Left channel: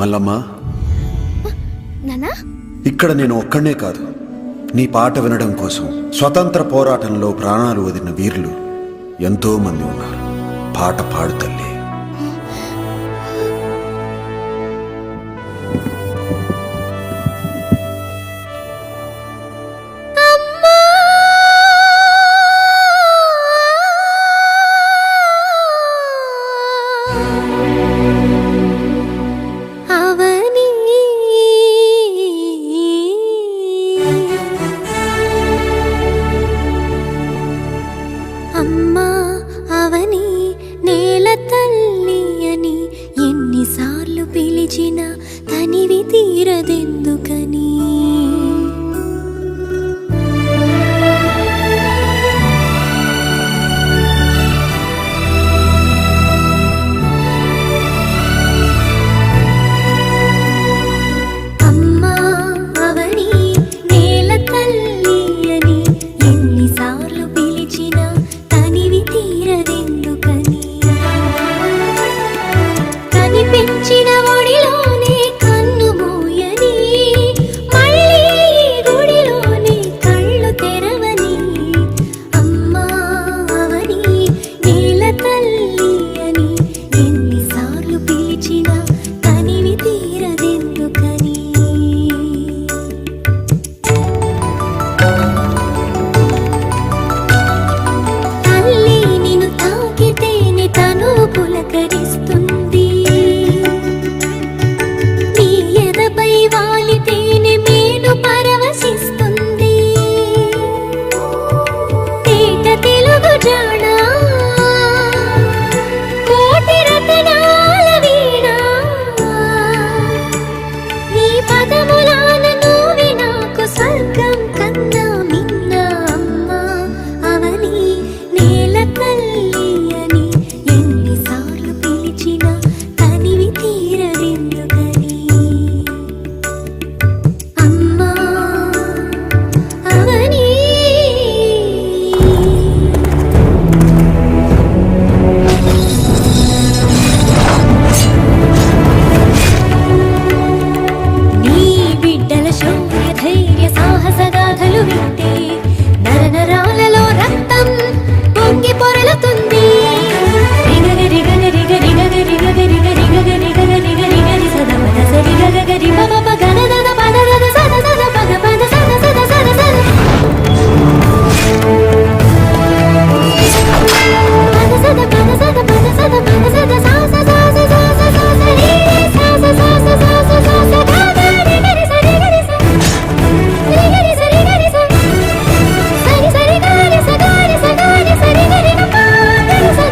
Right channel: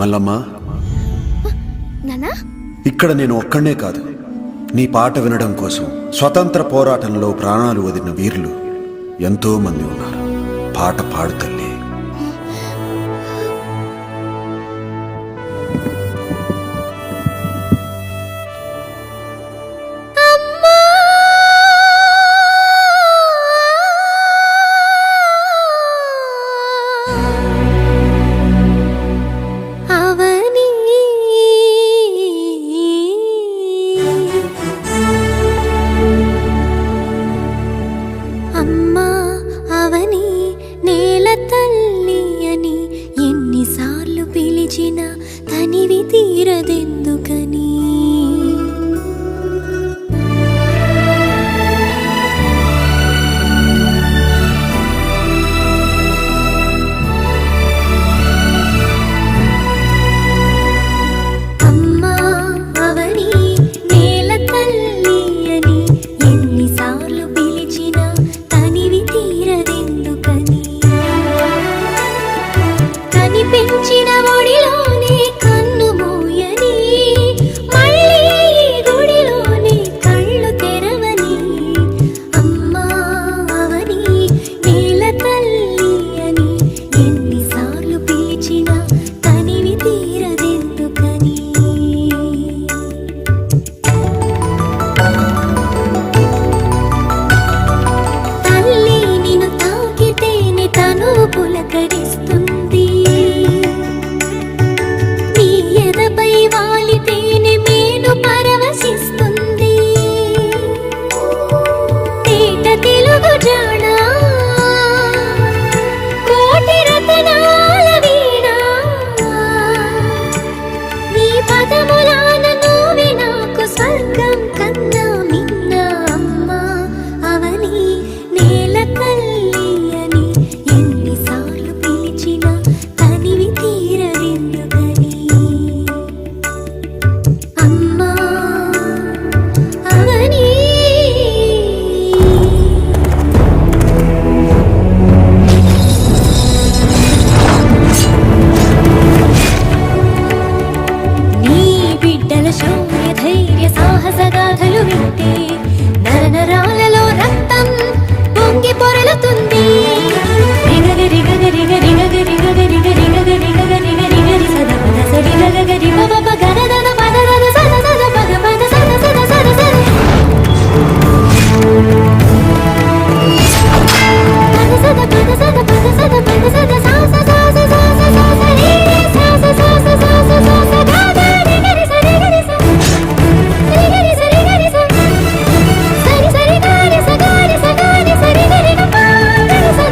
మల్లమ్మా, నానా ఇక్కడ నేను ఒక్కడే కాదు, నీ పాట వినడం కోసం స్వతంత్ర పోరాటంలో ప్రాణాలు వదిలిన వీరులు ఎంతో మంది ఉన్నారు. పాట పాడు తల్లి. అమ్మా అవని నేల తల్లి అని ఎన్నిసార్లు పిలిచినా తనివి తీరదెందుకని. అమ్మా అవని నేల తల్లి అని ఎన్నిసార్లు పిలిచినా తీరదెందుకని. కని పెంచిన ఒడిలోనే కన్ను మోయని, మళ్ళీ గుడిలోనే కళ్ళు తెరవని. అమ్మా అవని నేల తల్లి అని ఎన్నిసార్లు పిలిచినా తనివి తీరదెందుకని. పులకరిస్తుంది నీ ఎదపై వాలితేనే మేను పరవశిస్తుంది. తేట తెలుగు జానా కోటి రతనాల వీణ, నీ పదములాన నువ్వే నాకు స్వర్గం కన్నా మిన్న. అమ్మా అవని నేల తల్లి అని ఎన్నిసార్లు పిలిచినా తనివి తీరదెందుకని. అమ్మా అవని నీ బిడ్డల శౌర్య ధైర్య సాహస గాథలు వింటే నరనరాలలో రక్తం పొంగి పొరలుతుంది. రిగరి గగరి గరి గగరి గగరి గరి గగరి గగరి గరి గరి సద పద సరి గగరి బబ గద